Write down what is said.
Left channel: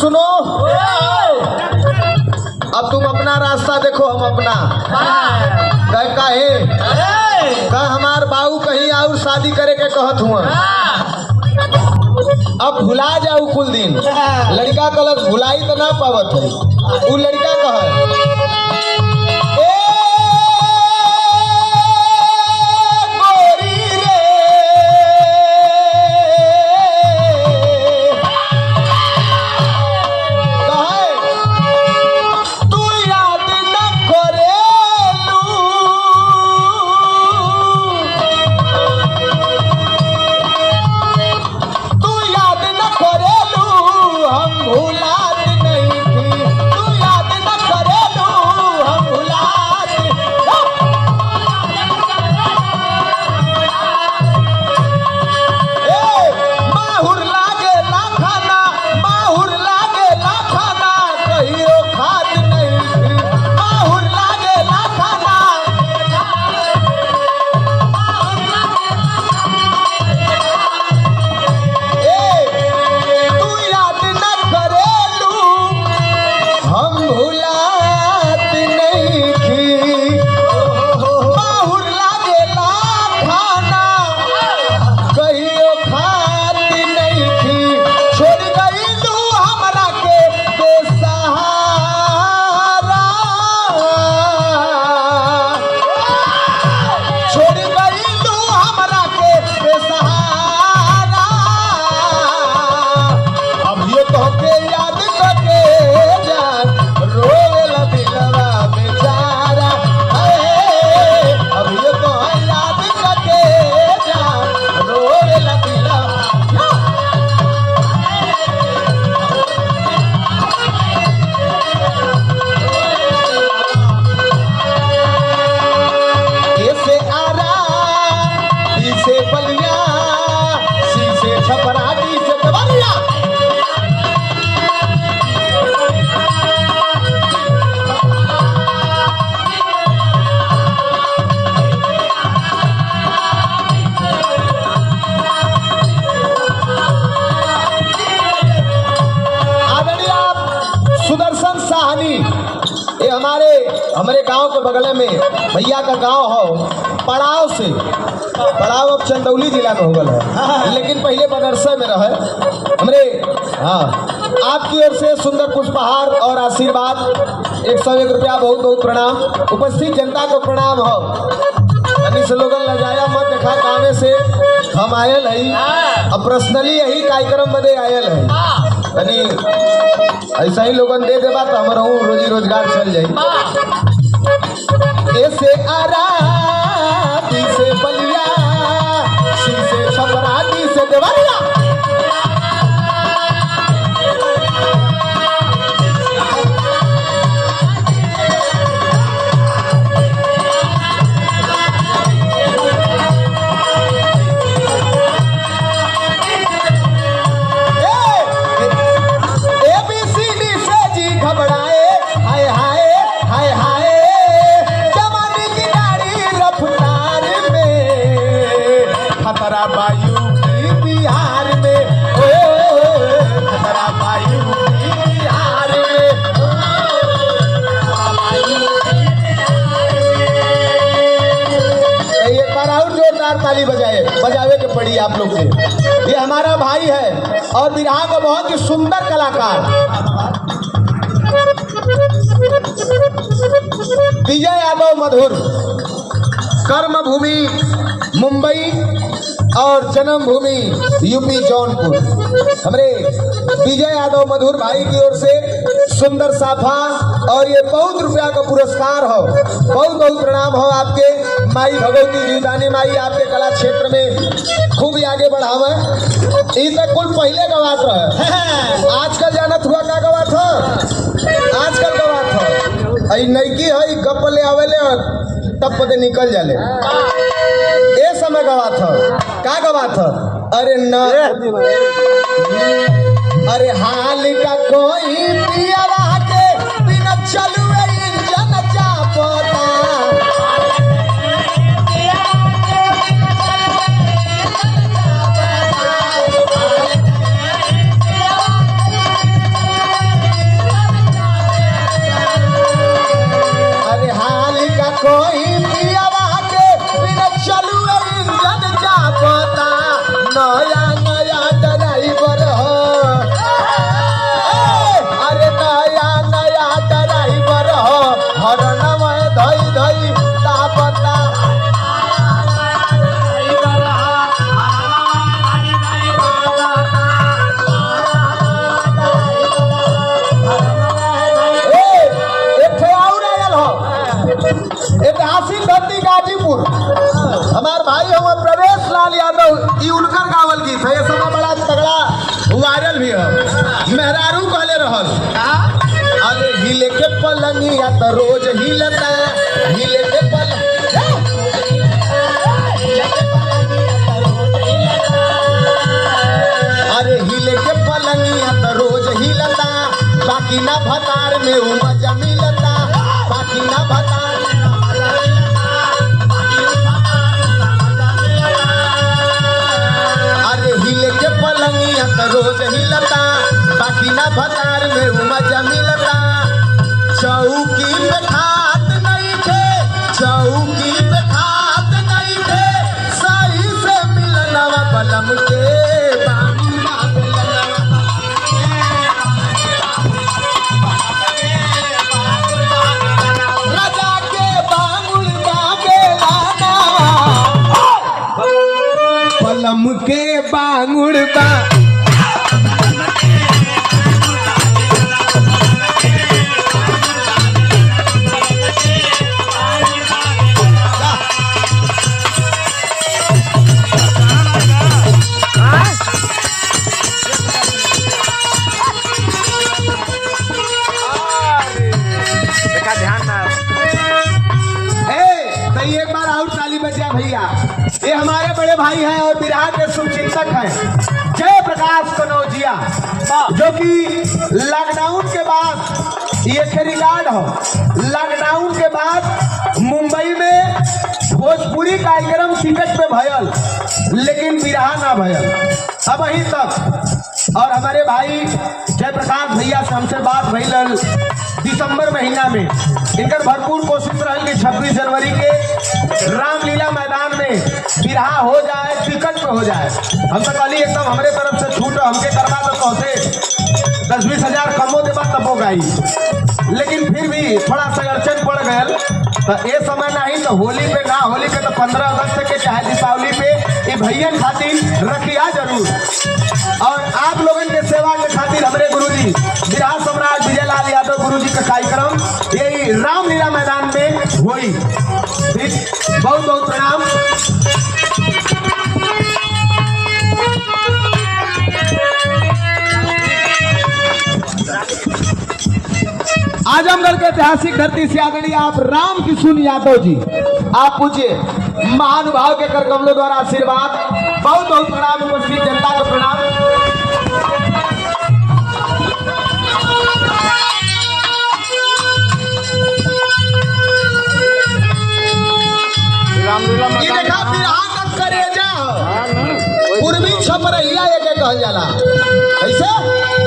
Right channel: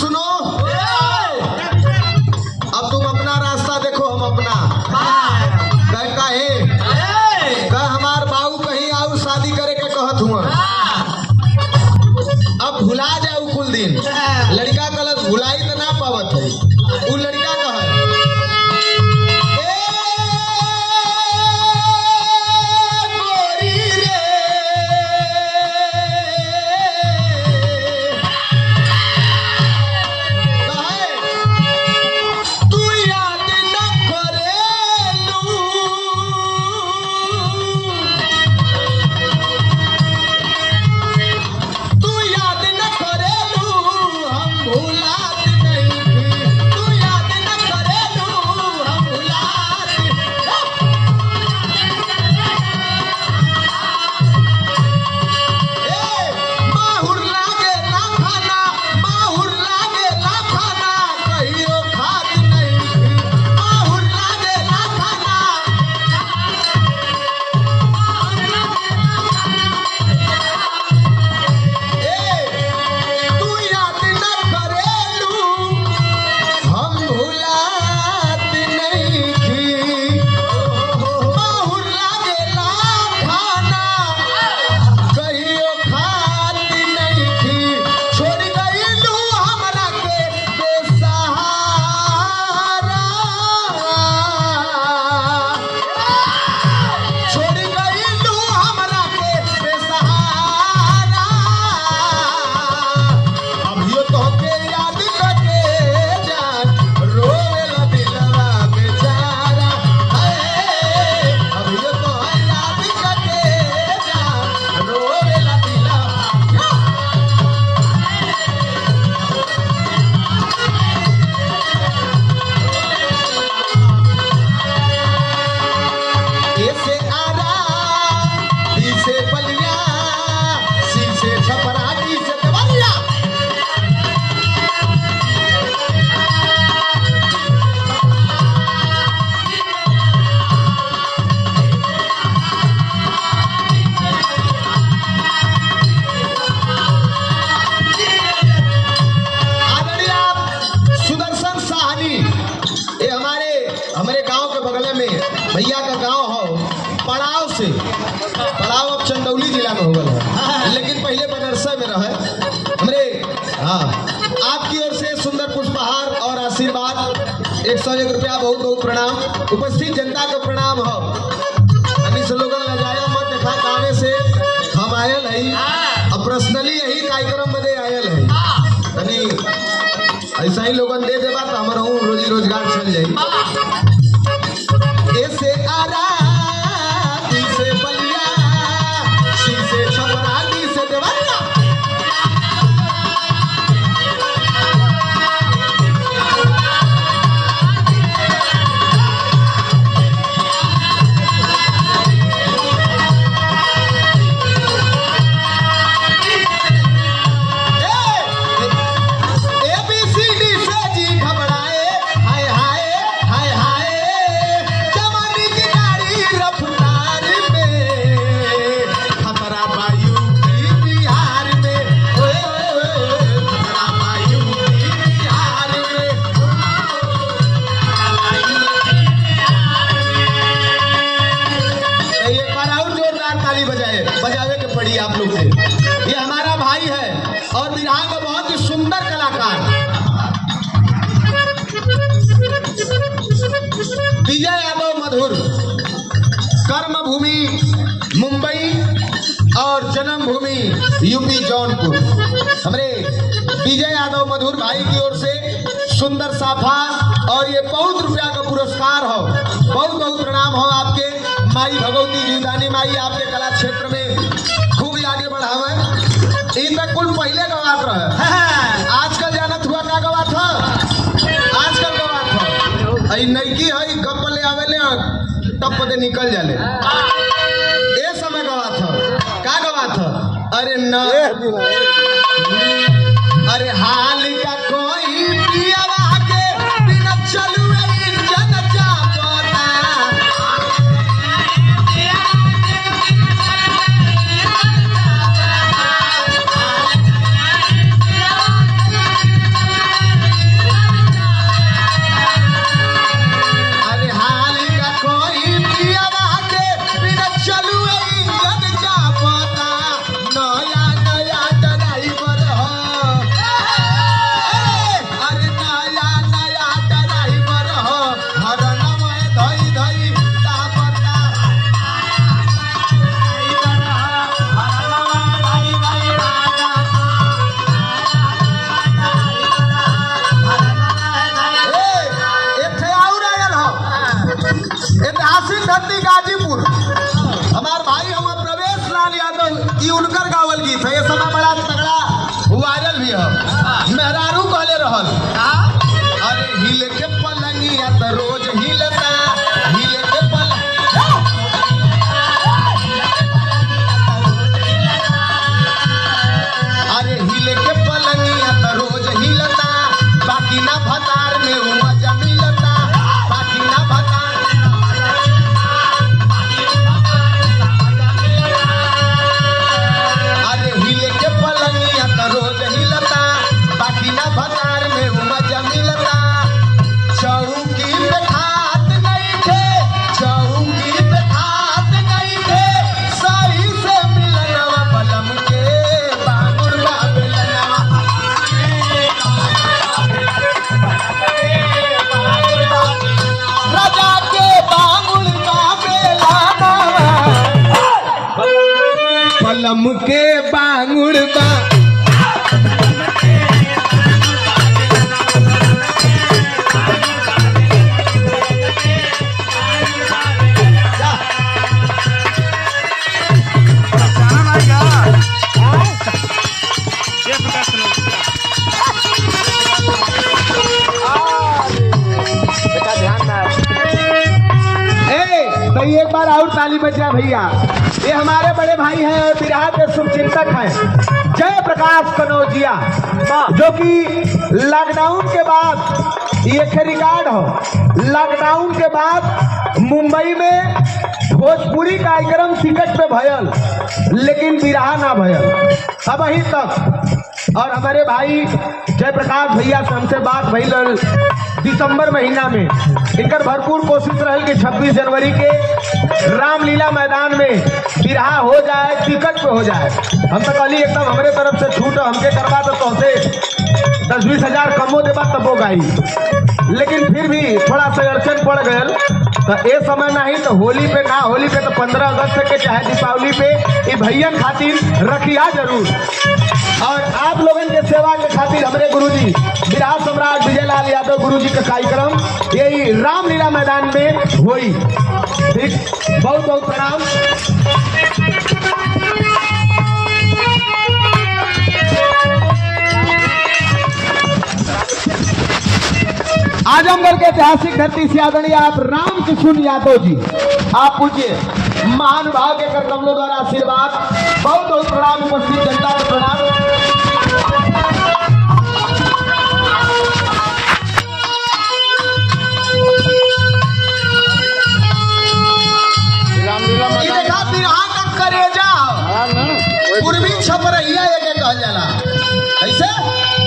सुनो, अब तुम अपना रास्ता देखो, हम अपना। कह हमार बाबू कहीं आऊ शादी करे के कहत हुआ, अब भुला जाऊ कुल दिन। लड़का कलर भुलाई तो ना पावत है। वो लड़का कह हमारे गांव के बगल में भैया का गांव हो पड़ाव से। पड़ाव अब चंदौली जिला में हो गया है, लेकिन पहले बनारसा में रहे हमरे। हाँ, आपकी ओर से सुंदर पुष्पहार और आशीर्वाद 101 रुपया, बहुत बहुत प्रणाम। उपस्थित जनता को प्रणाम हो। अभी स्लोगन लगाया मत देखा, गाँव से हम आयल है, अब पर्सनली यही कार्यक्रम बदे आयल है। ऐसा ही लोगन दे देवा तो हमारा रोजी रोजगार चल जाए। ऐसे आरा दी से बलिया, सी से छपरा, दी से देवरिया। बजावे के पड़ी आप लोग से। ये हमारा भाई है और बिरहा का बहुत ही सुंदर कलाकार विजय यादव मधुर। कर्म भूमि मुंबई और जन्म भूमि यूपी जौनपुर। हमारे विजय यादव मधुर भाई की ओर से सुंदर साफा और ये 5 रुपया का पुरस्कार हो। बहुत बहुत प्रणाम हो आपके। माई भगवती जीवदानी माई आपके कला क्षेत्र में खूब आगे बढ़ावे। तक कुल पहले गवात रहे, आजकल जानत हुआ क्या गवात हो, आजकल गवात हो नईकी है गप ले आवेले तब पते निकल जाले। ए समय गवात हो का गवात हो, अरे न अरे हाल का कोई पियावा के बिना चलुए इंजन चापता। मेहरारू कहले रहल अरे हिले के पलंगिया त रोज हिलता हिले के अरे हिले के पलंगिया त रोज हिलता बाकी ना भतार में उ मजा मिलता बाकी ना भतार अरे हिले के पलंगिया त रोज हिलता बाकी ना भतार में उ मजा मिलता चौकी पे खात नहीं थे चौकी पे खात नहीं थे सही से मिलनवा पलम के बाबुल बाबुल राजा के बाबुल बाबेला पलम के बांगुड़ बा एक बार और ताली बजा भैया। ये हमारे बड़े भाई हैं बिहार के शुभचिंतक हैं जय प्रकाश कनौजिया जो कि लॉकडाउन के बाद ये रिकॉर्ड हो लॉकडाउन के बाद मुंबई में भोजपुरी कार्यक्रम टिकट पे भयल लेकिन बिरहा ना भयल अब अभी तक। और हमारे भाई जय प्रकाश भैया से हमसे बात भइल दिसंबर महीना में इनकर भरपूर कोशिश रही कि 26 जनवरी के रामलीला मैदान में बिरहा हो जाए टिकट पे हो जाए। हम तो कहली एकदम हमारे तरफ से छूट हमके करवा दो तो 10-20 हजार कमो देबा तबो गाई लेकिन फिर भी थोड़ा सा अड़चन पड़ गयल तो ये समय नहीं तो होली पे ना होली पे तो 15 अगस्त के चाहे दीपावली पे ये भैया खातिर रखिया जरूर। और आप लोगन के सेवा के खातिर हमारे गुरुजी बिरहा सम्राट विजय लाल यादव गुरुजी का कार्यक्रम यही रामलीला मैदान में हुई। बहुत बहुत प्रणाम। आजमगढ़ के ऐतिहासिक धरती से आदरणीय आप राम किशोर यादव जी आप पूछिए महानुभाव के कर कमलों द्वारा आशीर्वाद बहुत बहुत प्रणाम। उपस्थित जनता को प्रणाम। पूर्वी छपरैया कहल जाला ऐसे